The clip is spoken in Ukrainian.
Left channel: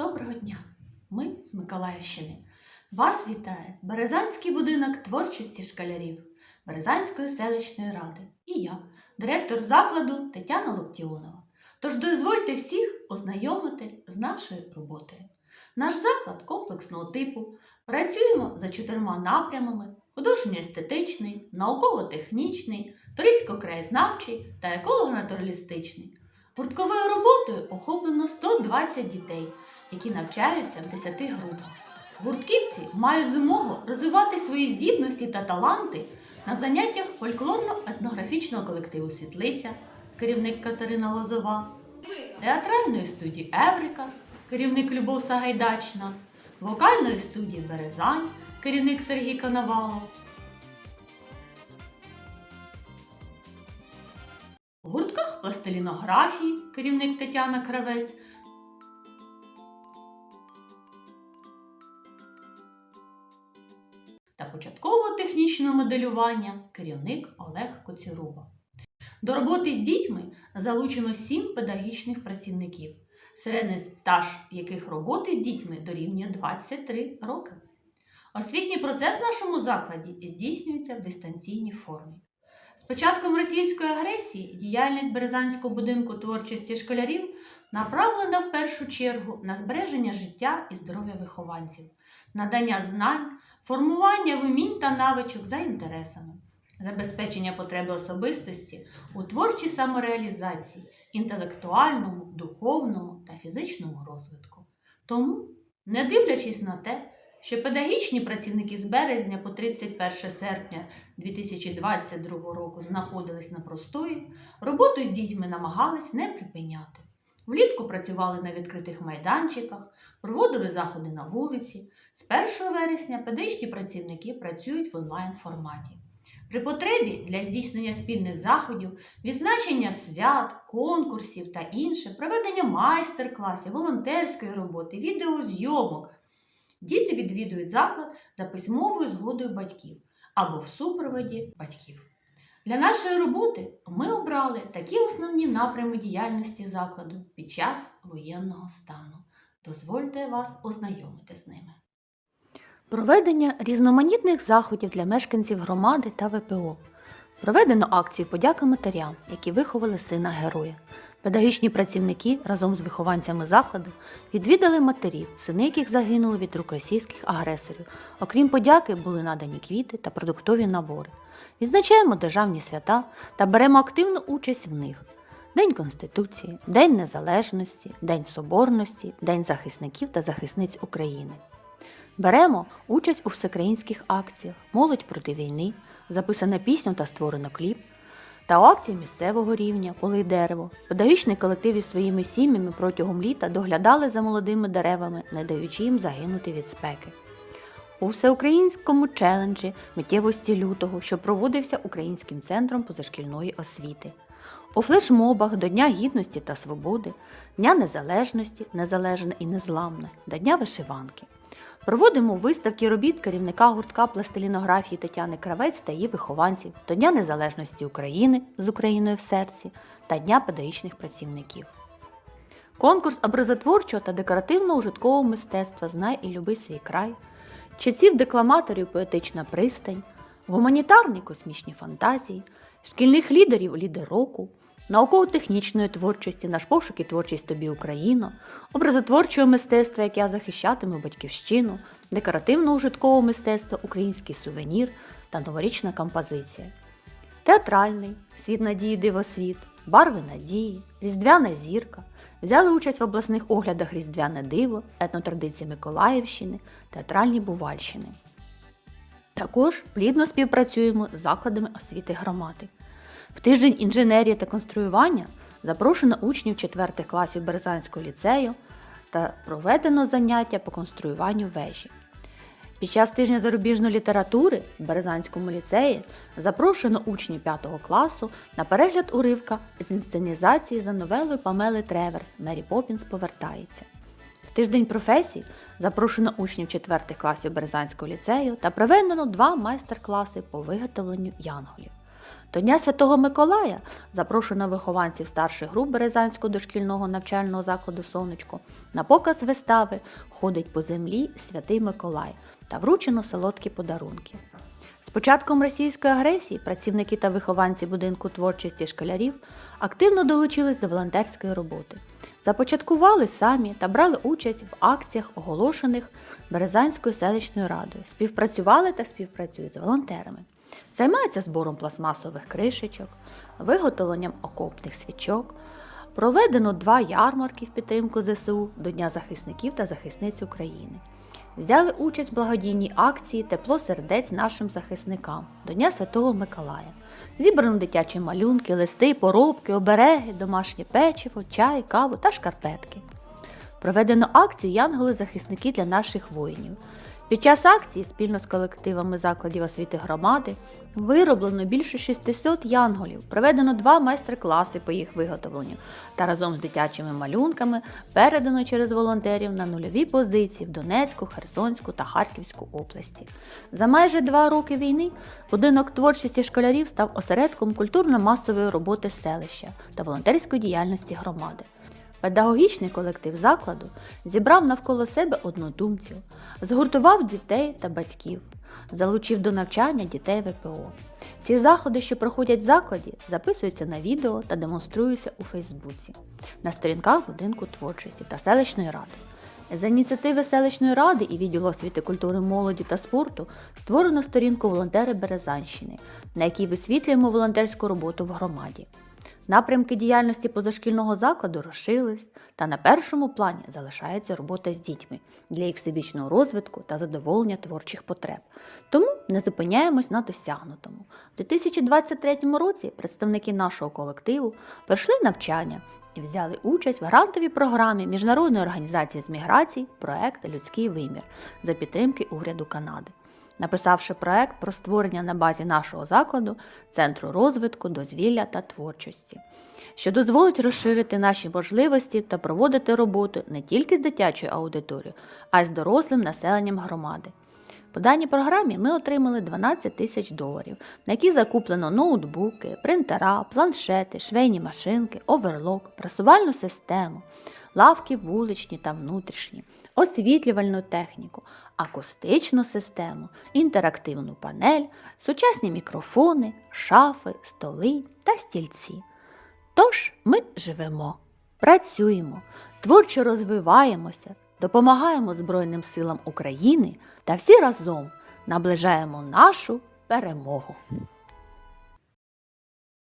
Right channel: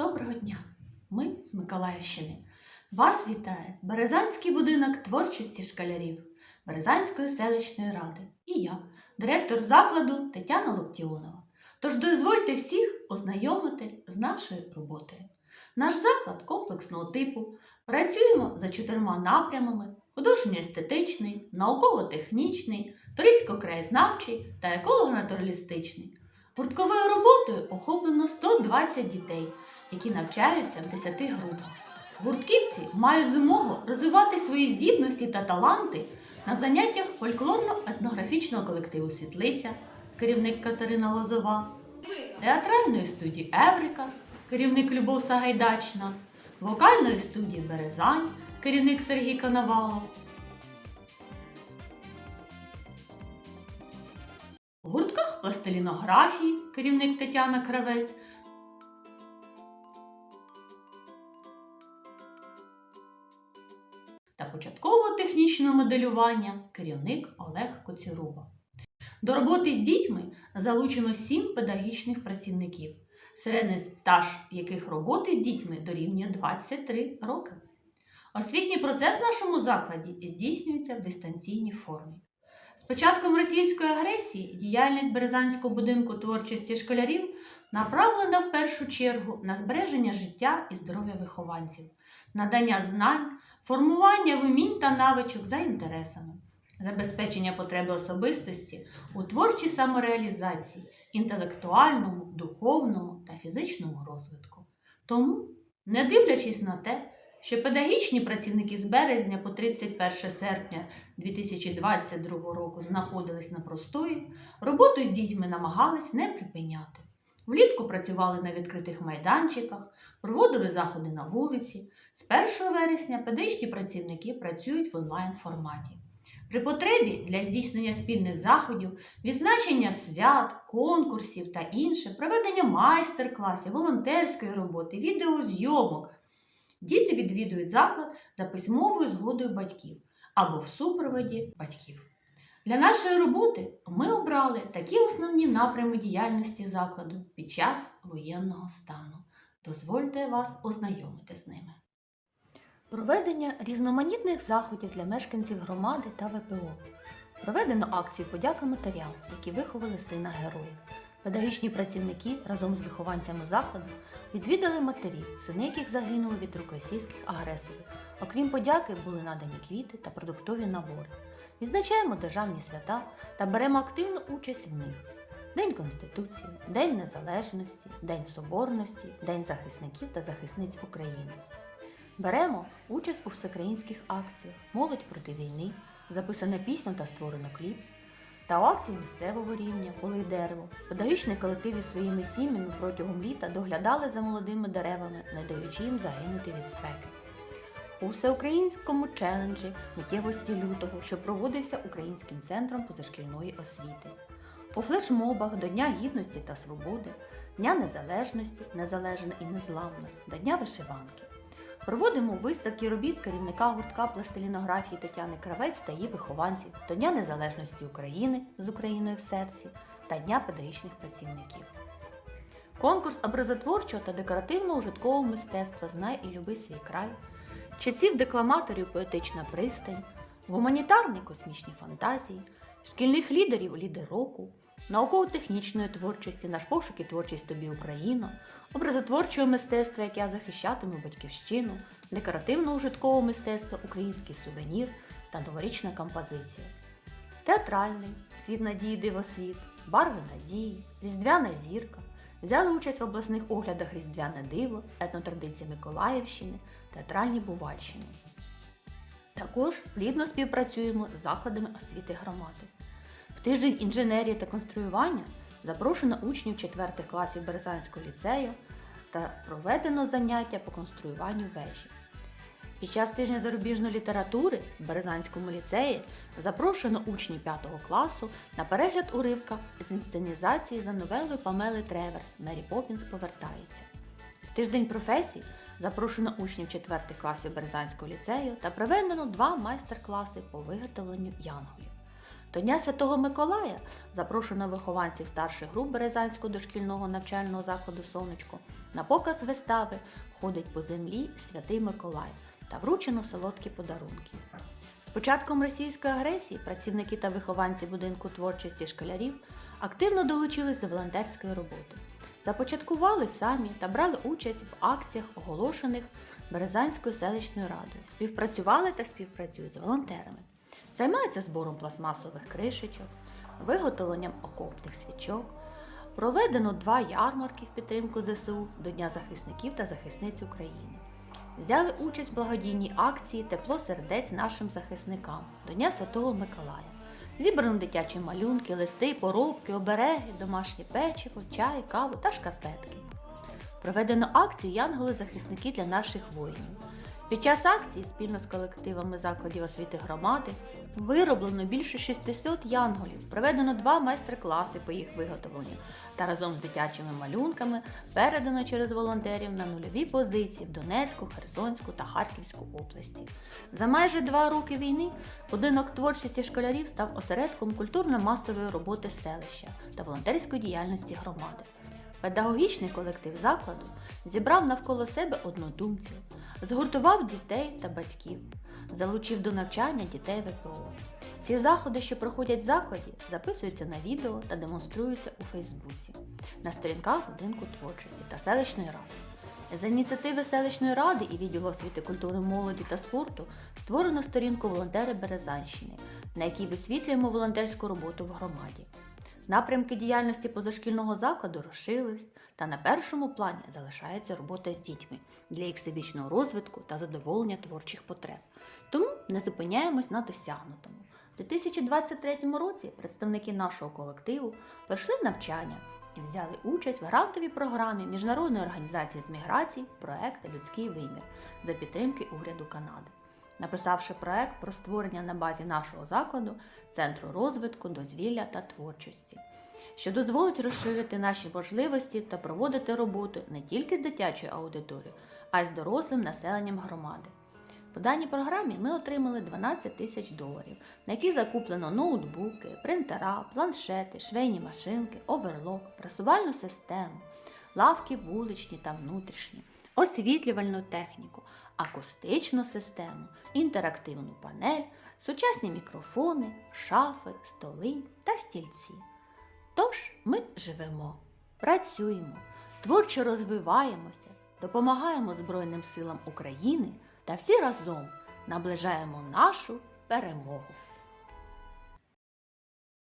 Доброго дня! Ми з Миколаївщини. Вас вітає Березанський будинок творчості школярів Березанської селищної ради і я, директор закладу Тетяна Локтіонова. Тож дозвольте всіх ознайомити з нашою роботою. Наш заклад комплексного типу. Працюємо за чотирма напрямами: художньо-естетичний, науково-технічний, туристсько-краєзнавчий та еколого-натуралістичний. Гуртковою роботою охоплено 120 дітей, які навчаються в 10 групах. Гуртківці мають змогу розвивати свої здібності та таланти на заняттях фольклорно-етнографічного колективу Світлиця, керівник Катерина Лозова, театральної студії Еврика, керівник Любов Сагайдачна, вокальної студії Березань, керівник Сергій Коновалов. Пластилінографії, керівник Тетяна Кравець, та початкового технічного моделювання керівник Олег Коцюруба. До роботи з дітьми залучено сім педагогічних працівників, середній стаж яких роботи з дітьми дорівнює 23 роки. Освітній процес в нашому закладі здійснюється в дистанційній формі. З початком російської агресії діяльність Березанського будинку творчості школярів направлена в першу чергу на збереження життя і здоров'я вихованців, надання знань, формування вмінь та навичок за інтересами, забезпечення потреби особистості у творчій самореалізації, інтелектуальному, духовному та фізичному розвитку. Тому, не дивлячись на те, що педагогічні працівники з березня по 31 серпня 2022 року знаходились на простої, роботу з дітьми намагались не припиняти. Влітку працювали на відкритих майданчиках, проводили заходи на вулиці. З 1 вересня педагогічні працівники працюють в онлайн форматі. При потребі для здійснення спільних заходів, відзначення свят, конкурсів та інше, проведення майстер-класів, волонтерської роботи, відеозйомок. Діти відвідують заклад за письмовою згодою батьків або в супроводі батьків. Для нашої роботи ми обрали такі основні напрями діяльності закладу під час воєнного стану. Дозвольте вас ознайомити з ними. Проведення різноманітних заходів для мешканців громади та ВПО. Проведено акцію подяка матерям, які виховали сина героя. Педагогічні працівники разом з вихованцями закладу відвідали матерів, сини яких загинули від рук російських агресорів. Окрім подяки, були надані квіти та продуктові набори. Відзначаємо державні свята та беремо активну участь в них. День Конституції, День Незалежності, День Соборності, День захисників та захисниць України. Беремо участь у всеукраїнських акціях Молодь проти війни, записана пісню та створено кліп, та акції місцевого рівня Полий дерево. Педагогічний колектив із своїми сім'ями протягом літа доглядали за молодими деревами, не даючи їм загинути від спеки. У всеукраїнському челенджі миттєвості лютого, що проводився Українським центром позашкільної освіти. У флешмобах до Дня Гідності та Свободи, Дня Незалежності, Незалежна і Незламна, до Дня вишиванки. Проводимо виставки робіт керівника гуртка пластилінографії Тетяни Кравець та її вихованців до Дня Незалежності України з Україною в серці та Дня педагогічних працівників. Конкурс образотворчого та декоративно-ужиткового мистецтва Знай і люби свій край, читців декламаторів поетична пристань, гуманітарні космічні фантазії, шкільних лідерів лідер року, науково-технічної творчості наш пошук і творчість тобі Україно, образотворчого мистецтва, яке захищатиме батьківщину, декоративно-ужиткового мистецтва, український сувенір та новорічна композиція. Театральний світ надії дивосвіт, барви надії, різдвяна зірка. Взяли участь в обласних оглядах Різдвяне диво, етнотрадиції Миколаївщини, театральні Бувальщини. Також плідно співпрацюємо з закладами освіти громади. В тиждень інженерії та конструювання запрошено учнів 4 класів Березанського ліцею та проведено заняття по конструюванню вежі. Під час тижня зарубіжної літератури в Березанському ліцеї запрошено учнів 5 класу на перегляд уривка з інсценізації за новелою Памели Треверс Мері Поппінс повертається. В тиждень професій запрошено учнів 4 класів Березанського ліцею та проведено два майстер-класи по виготовленню янголів. До Дня Святого Миколая запрошено вихованців старших груп Березанського дошкільного навчального закладу Сонечко на показ вистави Ходить по землі Святий Миколай та вручено солодкі подарунки. З початком російської агресії працівники та вихованці будинку творчості школярів активно долучились до волонтерської роботи. Започаткували самі та брали участь в акціях, оголошених Березанською селищною радою. Співпрацювали та співпрацюють з волонтерами. Займаються збором пластмасових кришечок, виготовленням окопних свічок. Проведено два ярмарки в підтримку ЗСУ до Дня захисників та захисниць України. Взяли участь в благодійній акції Тепло сердець нашим захисникам до Дня Святого Миколая. Зібрано дитячі малюнки, листи, поробки, обереги, домашнє печиво, чай, каву та шкарпетки. Проведено акцію Янголи-захисники для наших воїнів. Під час акції спільно з колективами закладів освіти громади вироблено більше 600 янголів, проведено два майстер-класи по їх виготовленню та разом з дитячими малюнками передано через волонтерів на нульові позиції в Донецьку, Херсонську та Харківську області. За майже два роки війни будинок творчості школярів став осередком культурно-масової роботи селища та волонтерської діяльності громади. Педагогічний колектив закладу зібрав навколо себе однодумців, згуртував дітей та батьків, залучив до навчання дітей ВПО. Всі заходи, що проходять в закладі, записуються на відео та демонструються у Фейсбуці, на сторінках будинку творчості та селищної ради. За ініціативи селищної ради і відділу освіти культури, молоді та спорту створено сторінку Волонтери Березанщини, на якій висвітлюємо волонтерську роботу в громаді. Напрямки діяльності позашкільного закладу розширились, та на першому плані залишається робота з дітьми для їх всебічного розвитку та задоволення творчих потреб. Тому не зупиняємось на досягнутому. У 2023 році представники нашого колективу пройшли навчання і взяли участь в грантовій програмі Міжнародної організації з міграцій проект Людський вимір за підтримки уряду Канади написавши проект про створення на базі нашого закладу центру розвитку, дозвілля та творчості, що дозволить розширити наші можливості та проводити роботу не тільки з дитячою аудиторією, а й з дорослим населенням громади. По даній програмі ми отримали 12 тисяч доларів, на які закуплено ноутбуки, принтера, планшети, швейні машинки, оверлок, прасувальну систему, лавки вуличні та внутрішні, освітлювальну техніку, акустичну систему, інтерактивну панель, сучасні мікрофони, шафи, столи та стільці. Тож ми живемо, працюємо, творчо розвиваємося, допомагаємо Збройним силам України та всі разом наближаємо нашу перемогу.